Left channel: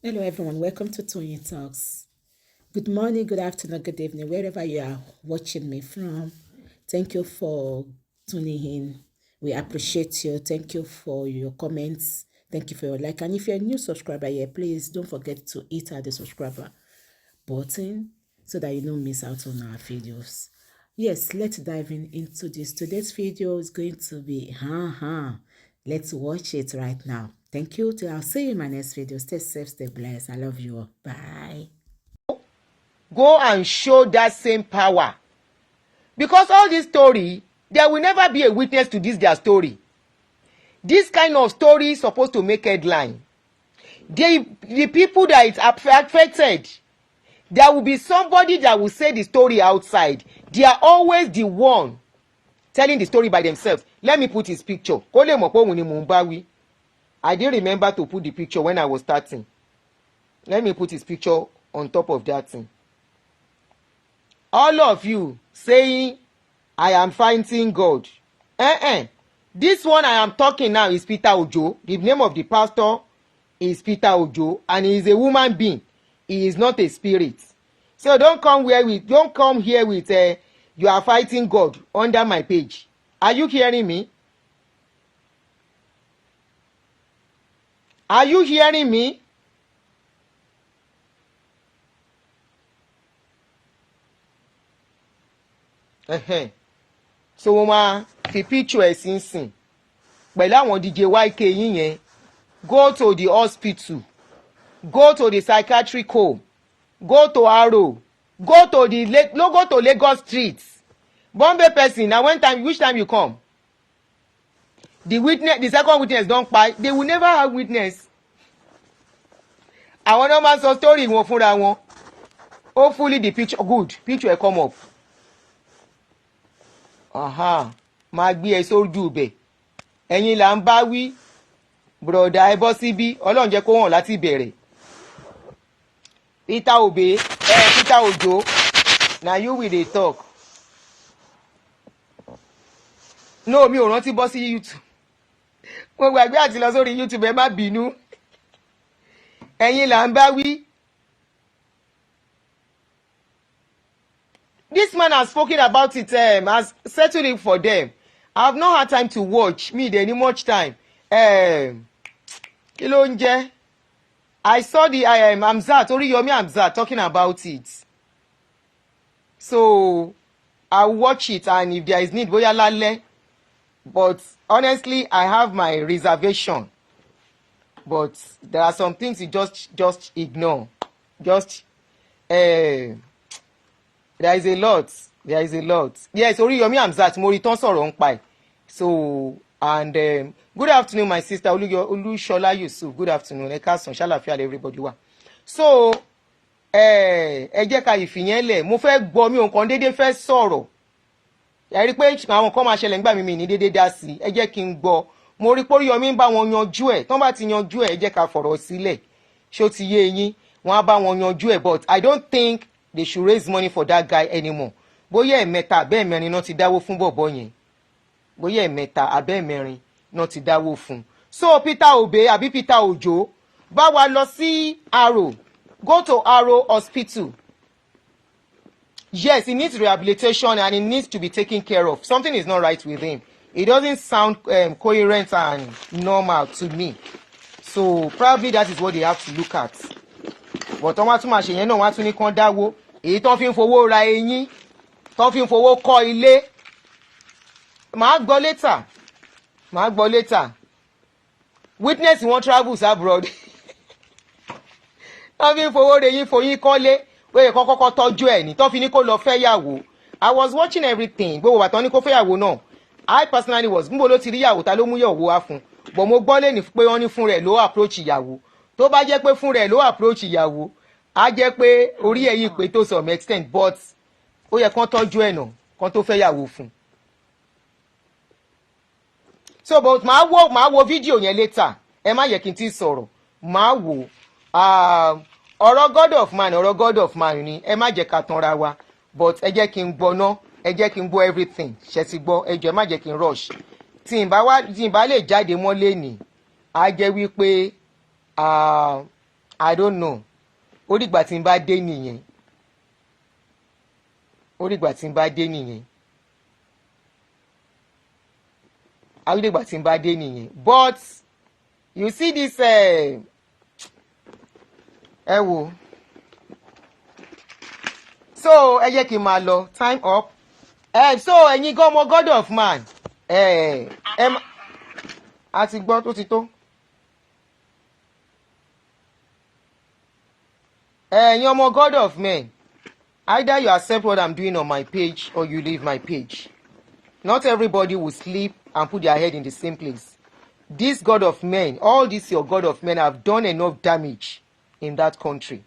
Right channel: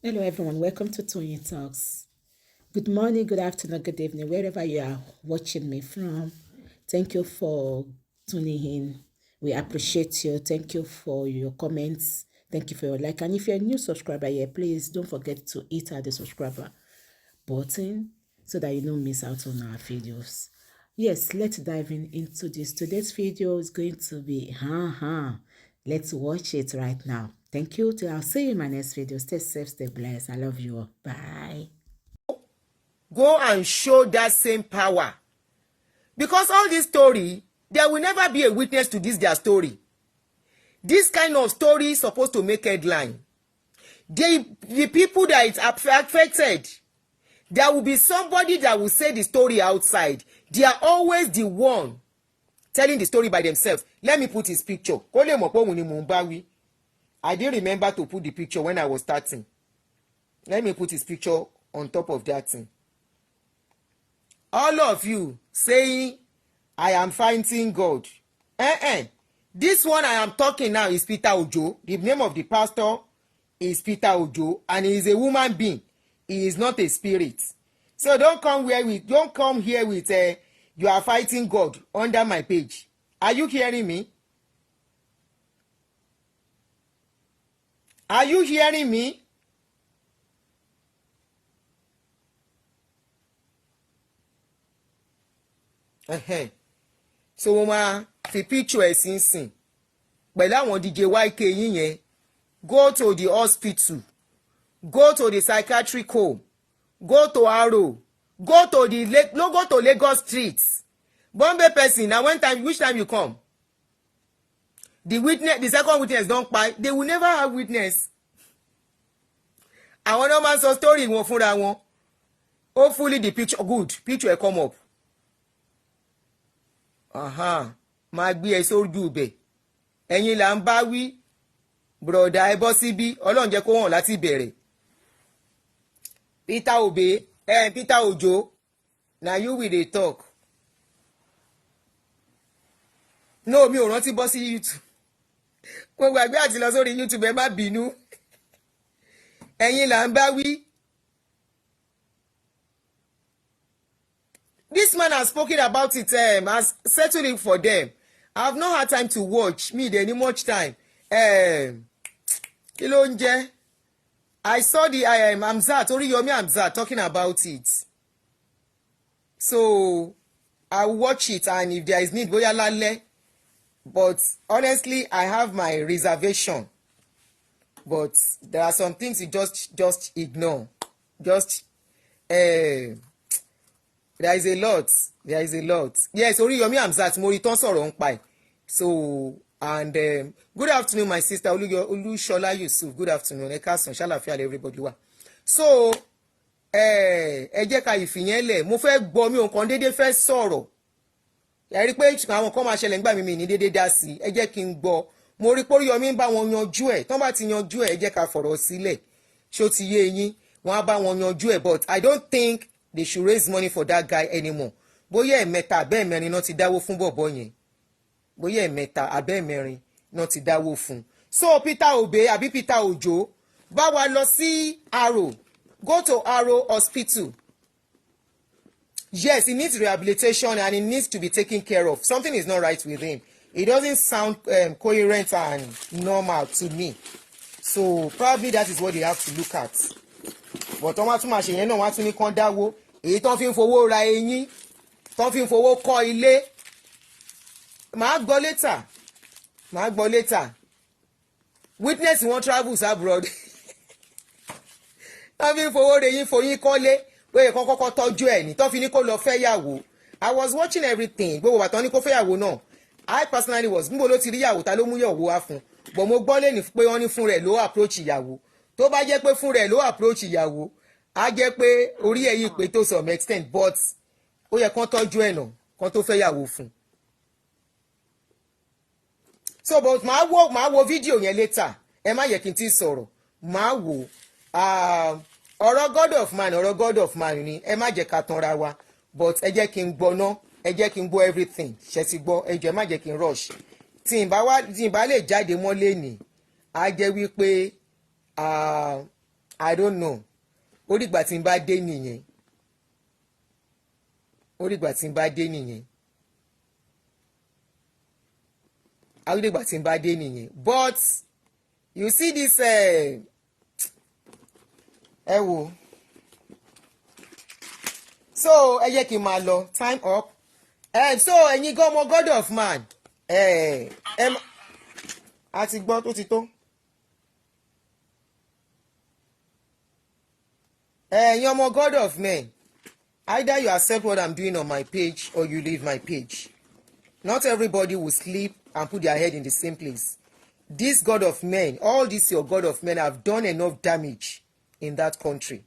Hello, everyone. Welcome to Tony Talks. Good morning, good afternoon, good evening, wherever you are watching me from. Thank you for tuning in. We appreciate you. Thank you for your comments. Thank you for your like. And if you're a new subscriber here, please don't forget to hit the subscriber button so that you don't miss out on our videos. Yes, let's dive into this. Today's video is going to be, let's watch it right now. Thank you. I'll see you in my next video. Stay safe, stay blessed. I love you all. Bye. Go and show that same power. Because all this story, there will never be a witness to their story. This kind of story is supposed to make headline. The people that it's affected, there will be somebody that will say the story outside. They are always the one telling the story by themselves. Let me put his picture. I didn't remember to put the picture when I was starting. Let me put his picture on top of that thing. All of you saying, I am fighting God. This one I am talking now is Peter Ojo. The name of the pastor is Peter Ojo, and he is a human being. He is not a spirit. So don't come here with you are fighting God under my page. Are you hearing me? Are you hearing me? So wọ́n máa fi picture ẹ̀ sínsìn pẹ̀lú àwọn DJ YK yín yẹn. Go to the hospital, go to the psychiatric home, go to Aro, go to Lagos street. Bombay person, na which time you come? The second witness don't pay. They will never have witness. Àwọn náà máa sọ story wọn fúnra wọn. Hopefully the picture picture come up. Máa gbé ẹ sójú ibẹ̀. Ẹ̀yin là ń bá wí. Broda ẹ bọ́ síbí. Ọlọ́run jẹ́ kó hàn láti ìbẹ̀rẹ̀. Peter Ojo. Na you will dey talk. No, mi ò rántí bọ́ sí YouTube. Mo gbàgbé àti lọ sórí YouTube, ẹ má bínú. Ẹ̀yin là ń bá wí. This man has spoken about it, has settled it for them. I have not had time to watch. Me, there any much time. Kí ló ń jẹ́? I saw the Amzat, Oriyomi Amzat talking about it. So I'll watch it, and if there is need, bóyá lálẹ́. But honestly, I have my reservation. But there are some things you just ignore. There is a lot. Yes, Oriyomi Amzat, mo rí tán sọ̀rọ̀ ń pa ẹ̀. So, and good afternoon, my sister Olushola Yusuf. Good afternoon. Ẹ káàsán, ṣàlàáfíà everybody wà. So, ẹ jẹ́ ká ìfìyẹn lẹ̀. Mo fẹ́ gbọ́ mi ò kàn déédéé fẹ́ sọ̀rọ̀. Ẹ rí pé àwọn kan máa ṣẹlẹ̀ nígbà mi ní déédéé dá sí. Ẹ jẹ́ kí n gbọ́. Mo rí pé Oriyomi ń bá wọn yanjú ẹ̀. Tán bá ti yanjú ẹ̀, ẹ jẹ́ ká fọ̀rọ̀ sílẹ̀. Ṣó ti yé yín? Wọ́n á bá wọn yanjú ẹ̀, but I don't think they should raise money for that guy anymore. Bóyá ẹ̀mẹ́ta abẹ́ẹ̀mẹ́rin náà ti dáwó fún bọ̀bọ̀ yẹn. Bóyá ẹ̀mẹ́ta abẹ́ẹ̀mẹ́rin náà ti dáwó fún. So Peter Ojo bá wa lọ sí Aro. Go to Aro Hospital. Yes, he needs rehabilitation and he needs to be taken care of. Something is not right with him. It doesn't sound coherent and normal to me. So probably that is what they have to look at. But wọ́n máa tún máa ṣe yẹn náà, wọ́n á tún ní kán dáwó. Èyí tán fi ń fowó ra eyín, tán fi ń fowó kọ́ ilé. Màá gbọ́ later. Witness wọn travels abroad. Tán fi ń fowó ra eyín foyín kọ́lé. Wọ́n kọ́ kọ́kọ́ tọ́jú ẹ̀ ní. Tán fi ní kó lọ fẹ́ yàwó. I was watching everything. Gbogbo àtọ́ ní kó fẹ́ yàwó náà. I personally was. Níbo ló ti rí yàwó, ta ló mú yàwó wá fún. But mo gbọ́ lẹ́ni pé wọ́n ní fún rẹ̀ ló approach ìyàwó. Tó bá jẹ́ pé fún rẹ̀ ló approach ìyàwó, á jẹ́ pé orí ẹ̀yìn pé tó some extent, but ó yẹ kán tọ́jú ẹ̀ náà kán tó fẹ́ yàwó fún. So but màá wo fídíò yẹn later. Ẹ má yẹ kí n tí sọ̀rọ̀. Màá wò ọ̀rọ̀ God of man ni. Ẹ má jẹ́ ká tanra wa, but ẹ jẹ́ kí n gbọ́ ná. Ẹ jẹ́ kí n gbọ́ everything. Ṣé ti gbọ́? Ẹ jẹ́ má jẹ́ kí n rush. Tí n bá lè jáde mọ́ lẹ́nìí, á jẹ́ wípé I don't know. Ó dìgbà tí n bá dé nìyẹn. Ó dìgbà tí n bá dé nìyẹn. Ó dìgbà tí n bá dé nìyẹn. But you see this ẹ wò. So ẹ jẹ́ kí n máa lọ, time up. So ẹ̀yin gan ọmọ God of man. A ti gbọ́ tó ti tó. Ẹ̀yin ọmọ God of men. Either you accept what I'm doing on my page or you leave my page. Not everybody will sleep and put their head in the same place. This God of men, all these your God of men have done enough damage in that country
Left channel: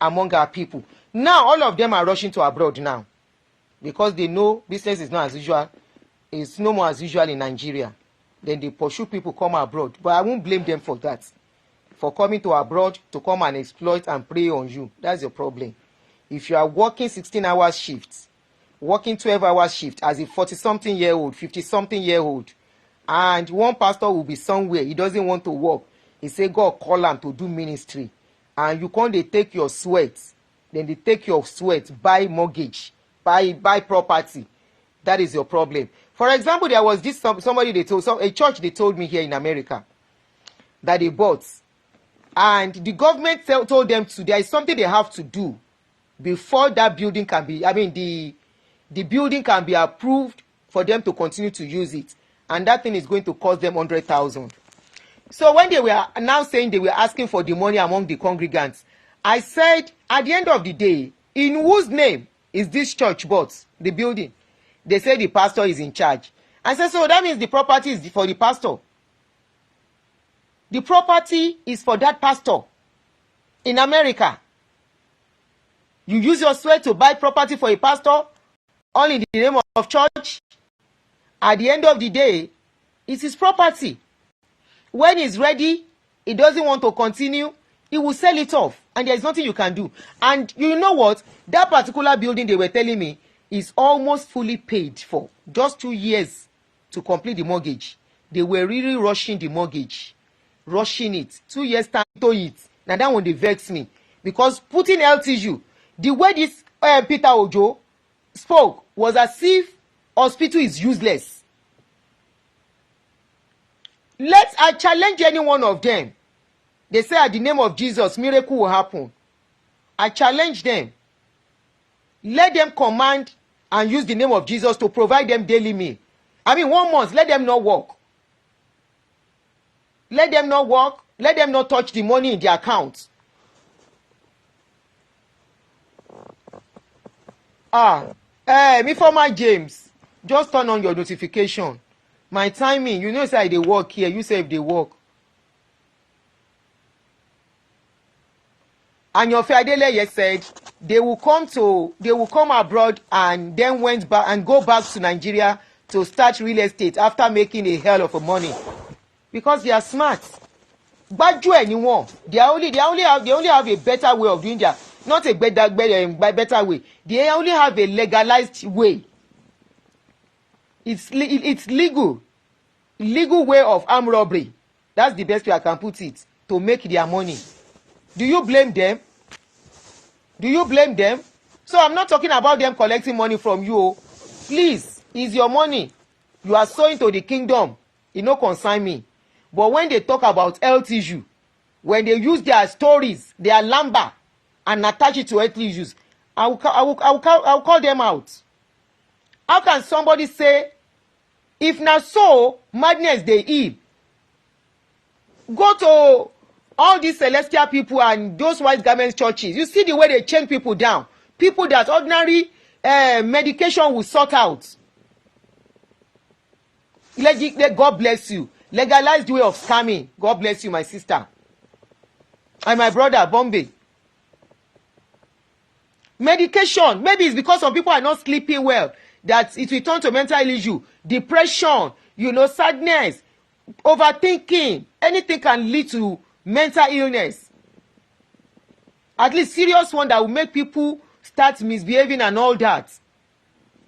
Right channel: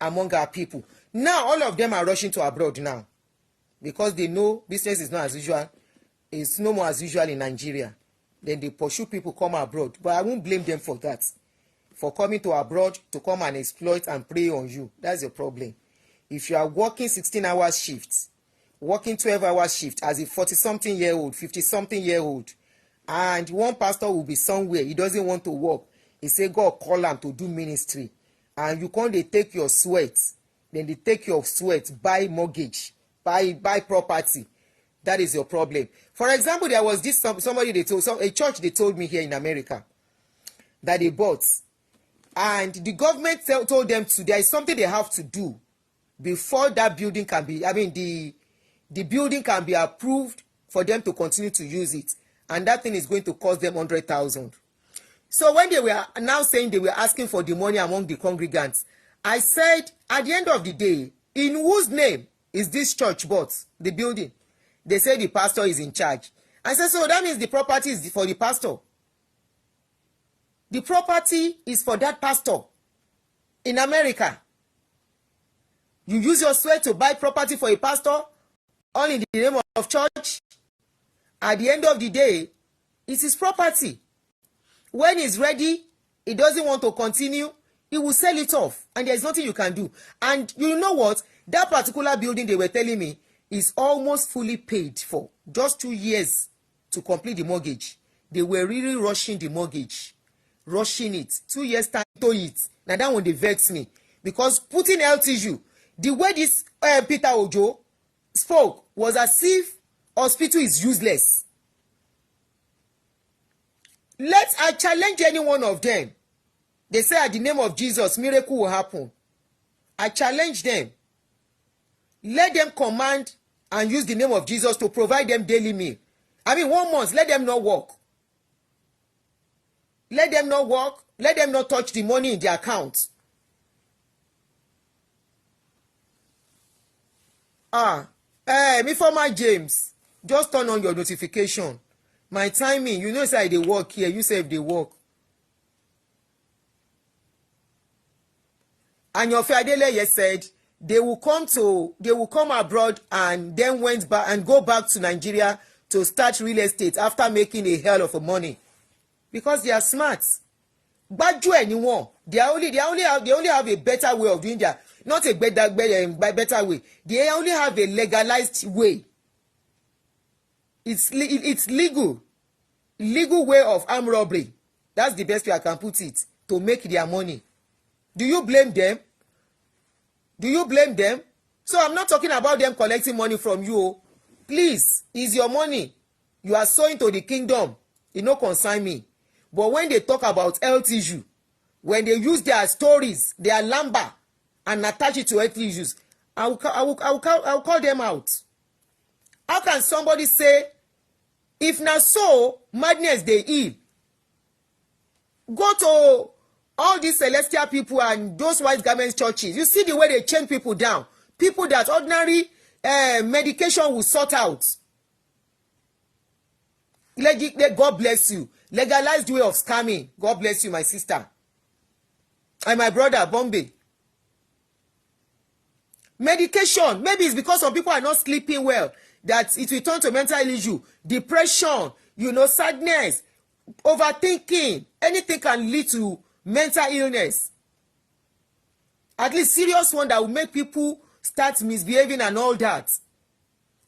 among our people. Now all of them are rushing to abroad now because they know business is not as usual. It's no more as usual in Nigeria. Then they pursue people come abroad. But I won't blame them for that. For coming to abroad to come and exploit and prey on you. That's your problem. If you are working 16-hour shifts, working 12-hour shift as a 40-something-year-old, 50-something-year-old, and one pastor will be somewhere, he doesn't want to work. He say God call him to do ministry. And you can't they take your sweat. Then they take your sweat, buy mortgage, buy property. That is your problem. For example, there was this somebody they told, a church they told me here in America that they bought. And the government told them there is something they have to do before that building can be, the building can be approved for them to continue to use it. And that thing is going to cost them 100,000. So when they were now saying they were asking for the money among the congregants, I said, at the end of the day, in whose name is this church bought, the building? They said the pastor is in charge. I said, so that means the property is for the pastor. The property is for that pastor in America. You use your sweat to buy property for a pastor, all in the name of church. At the end of the day, it's his property. When he's ready, he doesn't want to continue, he will sell it off. And there's nothing you can do. And you know what? That particular building they were telling me is almost fully paid for. Just 2 years to complete the mortgage. They were really rushing the mortgage. Rushing it. 2 years time to it. Now that one they vex me. Because putting LTU, the way this Peter Ojo spoke was as if hospital is useless. I challenge any one of them. They say at the name of Jesus, miracle will happen. I challenge them. Let them command and use the name of Jesus to provide them daily meal. 1 month, let them not work. Let them not work. Let them not touch the money in their account. Me for my James, just turn on your notification. My timing, you know say they work here, you say if they work. And your Fiadeleye said they will come abroad and then went back and go back to Nigeria to start real estate after making a hell of a money. Because they are smart. But anymore. They only have a better way of doing that. Not a better way. They only have a legalized way. It's legal. Legal way of armed robbery. That's the best way I can put it. To make their money. Do you blame them? Do you blame them? So I'm not talking about them collecting money from you. Please, it's your money. You are sowing to the kingdom. It no concern me. But when they talk about health issue, when they use their stories, their lamba, and attach it to health issues, I will call them out. How can somebody say, if na so, madness they heal? Go to all these celestial people and those white garment churches. You see the way they chain people down. People that ordinary medication will sort out. God bless you. Legalized way of scamming. God bless you, my sister. And my brother, Bombay. Medication. Maybe it's because some people are not sleeping well. That it will turn to mental issue. Depression. Sadness. Overthinking. Anything can lead to mental illness. At least serious one that will make people start misbehaving and all that.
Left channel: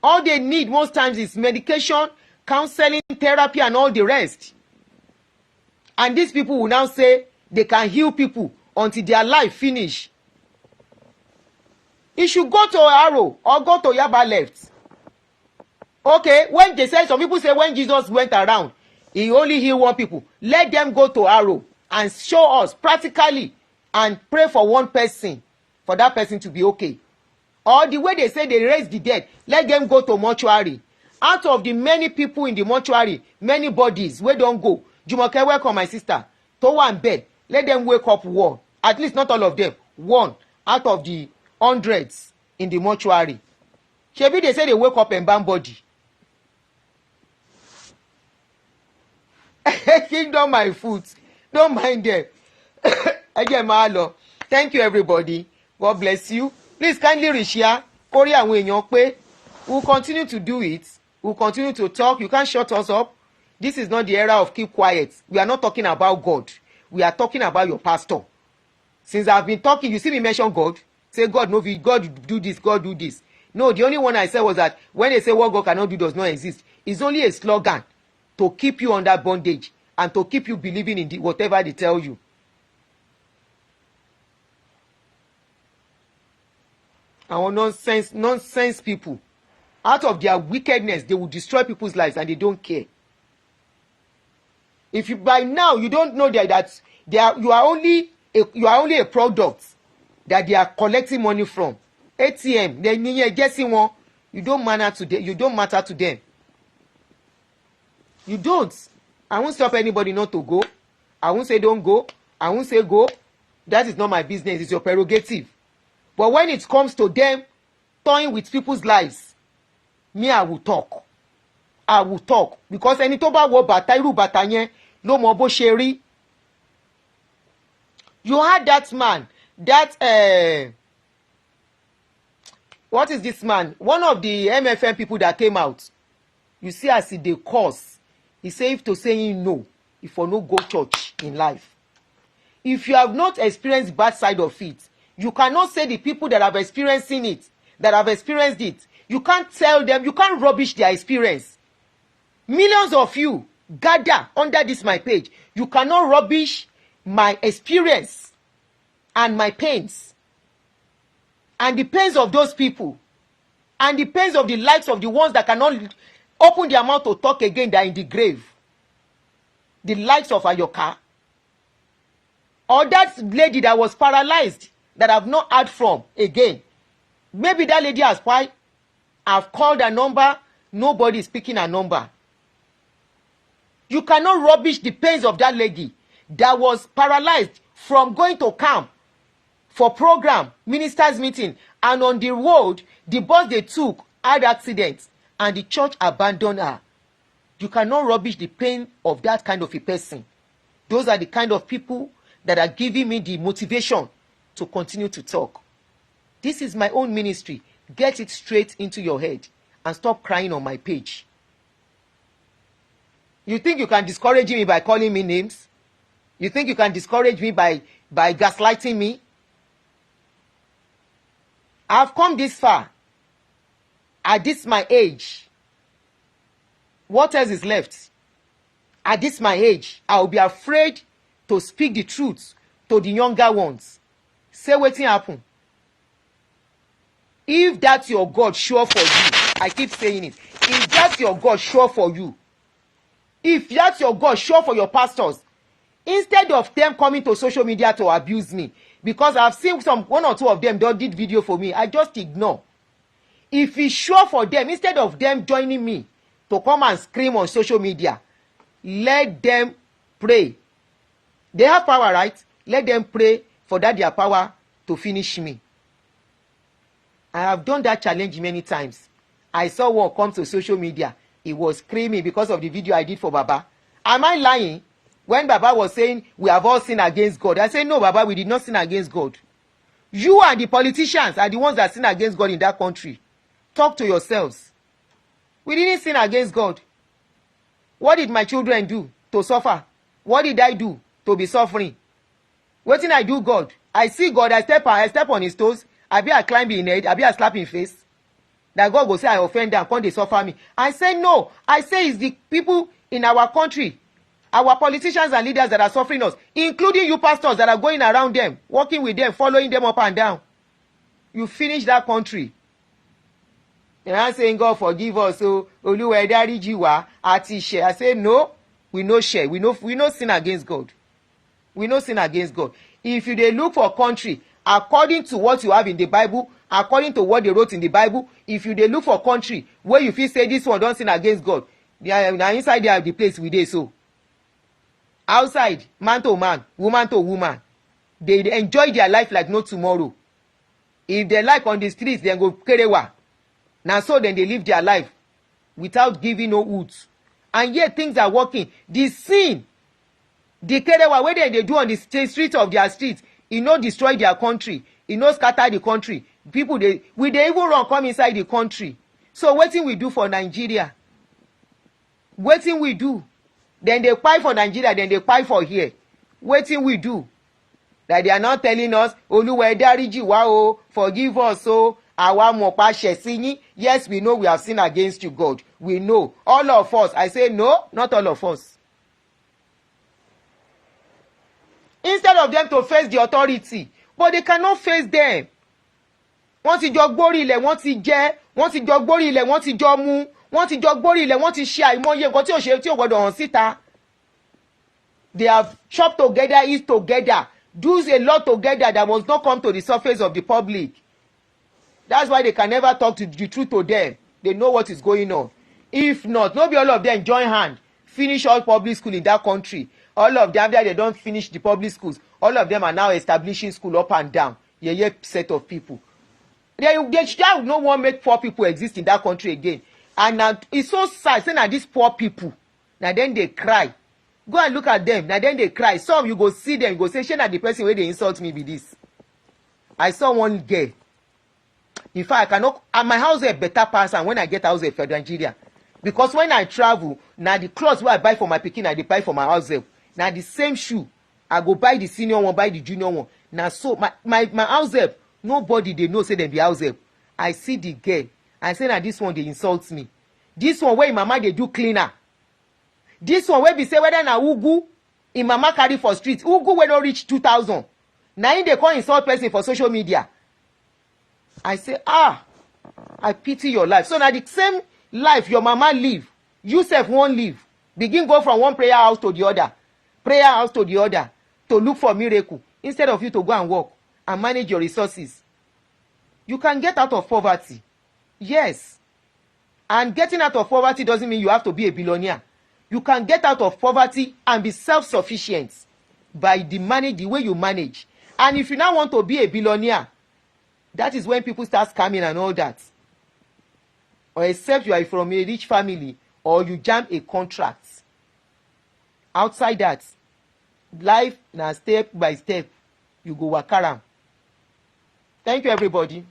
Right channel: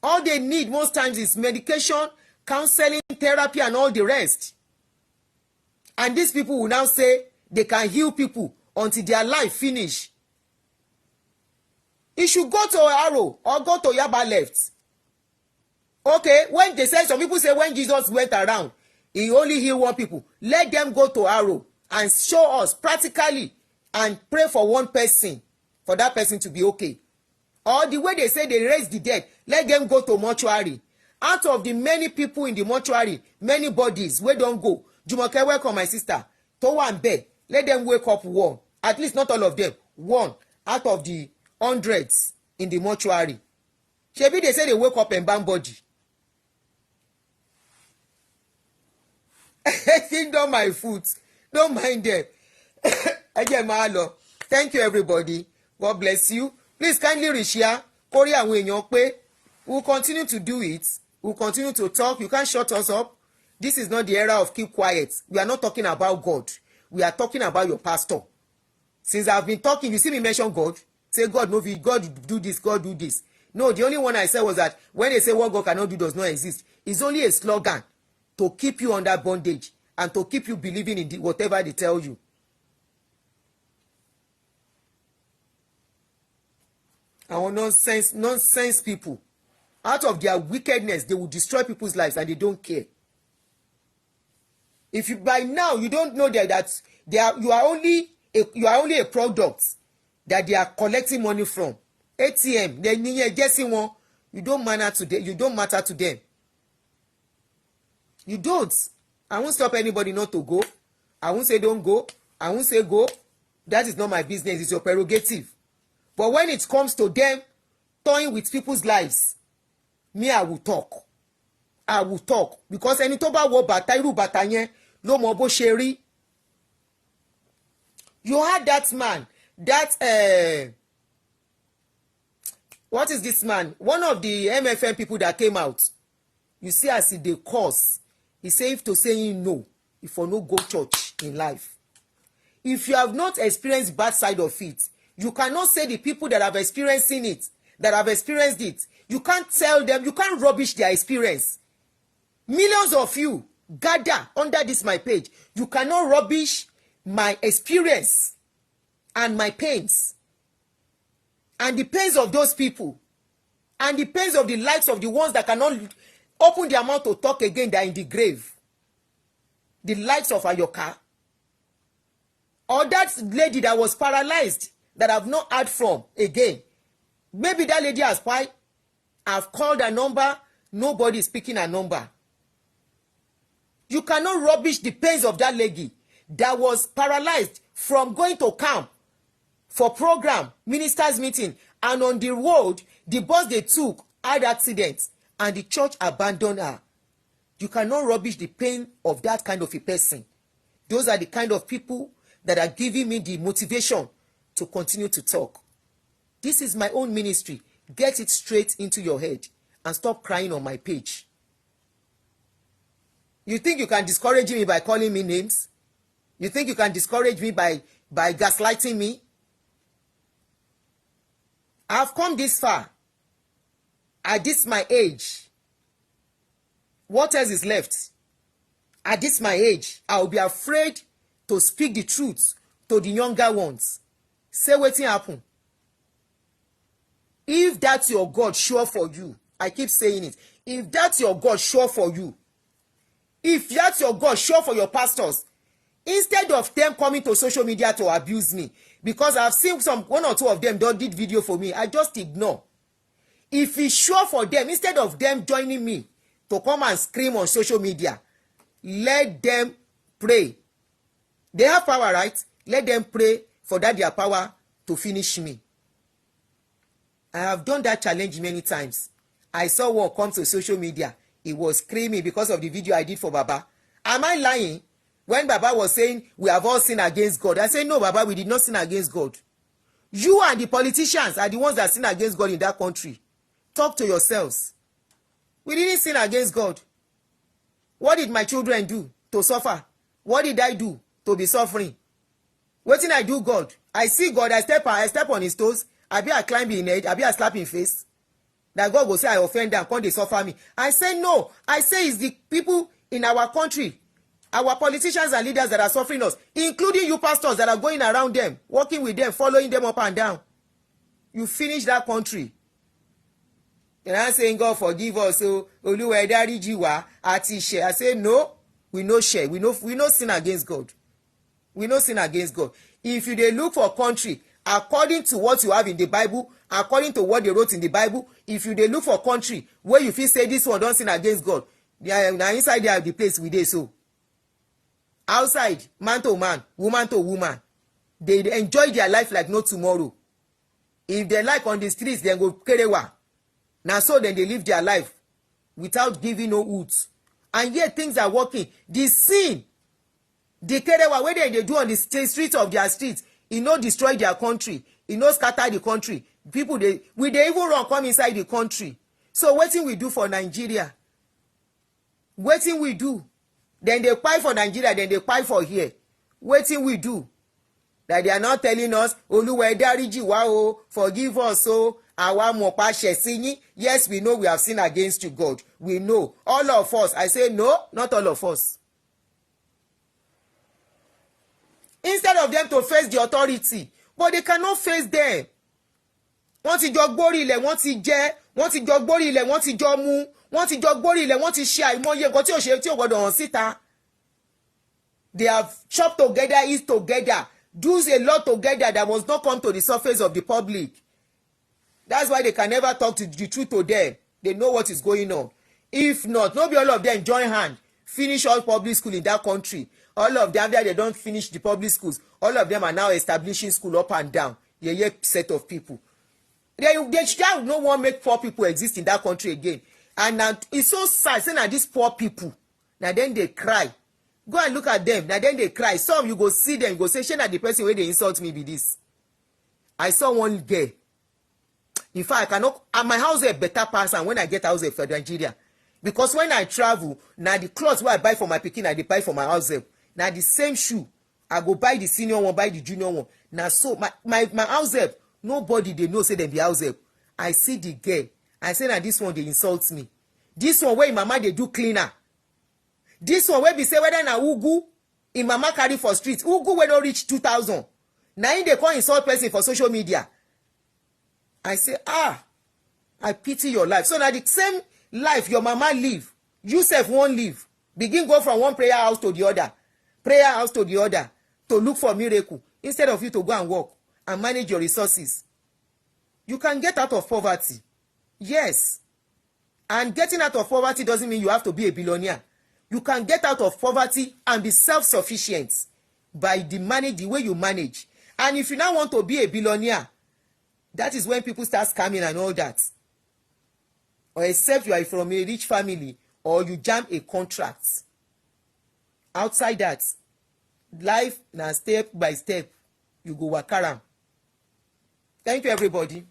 All they need most times is medication, counseling, therapy, and all the rest. And these people will now say they can heal people until their life finish. He should go to Arrow or go to Yaba left. Okay, when they say, some people say when Jesus went around, he only healed one people. Let them go to Arrow and show us practically and pray for one person, for that person to be okay. Or the way they say they raise the dead, let them go to mortuary. Out of the many people in the mortuary, many bodies wey don go, Jumoke, welcome my sister, Towa and Ben, let them wake up one, at least not all of them, one out of the hundreds in the mortuary. Shebi they say they wake up and ban body. Don't my foot, don't mind them. Again, Mahalo. Thank you everybody. God bless you. Please kindly reshare. Kori àwọn èèyàn pé. We'll continue to do it. We'll continue to talk. You can't shut us up. This is not the era of keep quiet. We are not talking about God. We are talking about your pastor. Since I've been talking, you see me mention God. Say God, no, God do this, God do this. No, the only one I said was that when they say what God cannot do does not exist, it's only a slogan to keep you under bondage and to keep you believing in whatever they tell you. Our nonsense people, out of their wickedness, they will destroy people's lives and they don't care. If you by now you don't know that you are only a product that they are collecting money from. ATM, they guessing one, you don't matter to them. You don't matter to them. You don't. I won't stop anybody not to go. I won't say don't go. I won't say go. That is not my business. It's your prerogative. But when it comes to them toying with people's lives, me, I will talk. I will talk. Because ẹni tó bá wọ bàtà irú bàtà yẹn ló mọ bó ṣe rí. You had that man, what is this man? One of the MFM people that came out. You see as they cause. He said to saying no, if you no go church in life. If you have not experienced bad side of it, you cannot say the people that have experienced it, you can't tell them, you can't rubbish their experience. Millions of you gather under this my page. You cannot rubbish my experience and my pains and the pains of those people and the pains of the likes of the ones that cannot open their mouth to talk again, that are in the grave. The likes of Ayoka, or that lady that was paralyzed that I've not heard from again. Maybe that lady has why I've called a number, nobody is picking a number. You cannot rubbish the pains of that lady that was paralyzed from going to camp for program, ministers meeting, and on the road, the bus they took had accidents and the church abandoned her. You cannot rubbish the pain of that kind of a person. Those are the kind of people that are giving me the motivation to continue to talk. This is my own ministry. Get it straight into your head and stop crying on my page. You think you can discourage me by calling me names? You think you can discourage me by gaslighting me? I've come this far. At this my age. What else is left? At this my age, I will be afraid to speak the truth to the younger ones. Say wetin happen. If that's your God sure for you, I keep saying it. If that's your God sure for you, if that's your God sure for your pastors, instead of them coming to social media to abuse me, because I've seen one or two of them that did video for me, I just ignore. If it's sure for them, instead of them joining me to come and scream on social media, let them pray. They have power, right? Let them pray for that their power to finish me. I have done that challenge many times. I saw one come to social media. He was screaming because of the video I did for Baba. Am I lying? When Baba was saying we have all sinned against God, I said, no, Baba, we did not sin against God. You and the politicians are the ones that sin against God in that country. Talk to yourselves. We didn't sin against God. What did my children do to suffer? What did I do to be suffering? What did I do, God? I see God, I step on his toes. I climb in head, I slap in face. That God will say I offend them, come they suffer me. I say no. I say it's the people in our country Our politicians and leaders that are suffering us, including you pastors that are going around them, working with them, following them up and down. You finish that country. And I'm saying, God forgive us. So, Oluwa dáríjì wá, àti share. I say, no, we no share. We no sin against God. We no sin against God. If you dey look for country, according to what you have in the Bible, according to what they wrote in the Bible, if you dey look for country where you fit say this one don sin against God, na inside there the place we dey so. Outside, man to man, woman to woman, they enjoy their life like no tomorrow. If they like on the streets, then go kerewa. Now so then they live their life without giving no roots. And yet things are working. The sin, the kerewa wey they do on the streets of their streets, e no destroy their country, e no scatter the country. People dey even run come inside the country. So wetin we do for Nigeria? Wetin we do? Then they kpai for Nigeria, then they kpai for here. Wetin we do? That they are not telling us, Oluwa dáríjì wá o, forgive us o, àwa mọ̀ pa ṣẹ̀ sí yín. Yes, we know we have sinned against you, God. We know. All of us. I say no, not all of us. Instead of them to face the authority, but they cannot face them. Wọ́n ti jọ gbórí ilẹ̀, wọ́n ti jẹ, wọ́n ti jọ gbórí ilẹ̀, wọ́n ti jọ mu, wọ́n ti jọ gbórí ilẹ̀, wọ́n ti ṣe àìmọye nǹkan tí ò ṣe tí ò gbọdọ̀ hàn síta. They have chopped together, eat together, do a lot together that must not come to the surface of the public. That's why they can never talk to the truth to them. They know what is going on. If not, maybe all of them join hand, finish all public school in that country. All of them, they don't finish the public schools. All of them are now establishing school up and down. Yeah, set of people. They shall no one make poor people exist in that country again. And it's so sad saying that these poor people, now then they cry. Go and look at them. Now then they cry. Some you go see them, go say, "Shey na the person where they insult me be this." I saw one girl. In fact, I cannot. And my house is a better person when I get house for Nigeria, because when I travel, now the clothes where I buy for my pikin, I dey buy for my house help. Now the same shoe, I go buy the senior one, buy the junior one. Now so my house help, nobody they know say them be house help. I see the girl. I say now this one they insult me. This one where mama they do cleaner. This one where be say whether na ugu in mama carry for street, ugu wey don reach 2,000. Now in they call insult person for social media. I say, I pity your life. So now the same life your mama live, you sef won't live. Begin go from one prayer house to the other, to look for miracle instead of you to go and work and manage your resources. You can get out of poverty. Yes. And getting out of poverty doesn't mean you have to be a billionaire. You can get out of poverty and be self-sufficient by the way you manage. And if you now want to be a billionaire, that is when people start scamming and all that. Or except you are from a rich family or you jam a contract. Outside that, life na step by step. You go wakaram. Thank you, everybody.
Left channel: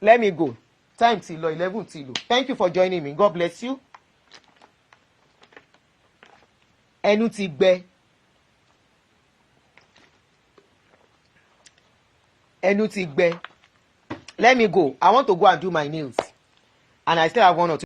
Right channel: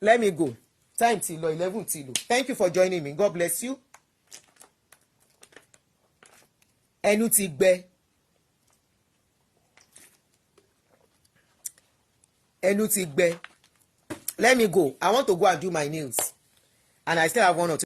Let me go. Time till 11 till. Thank you for joining me. God bless you. Ẹnu ti gbẹ. Ẹnu ti gbẹ. Let me go. I want to go and do my nails. And I still have one or two.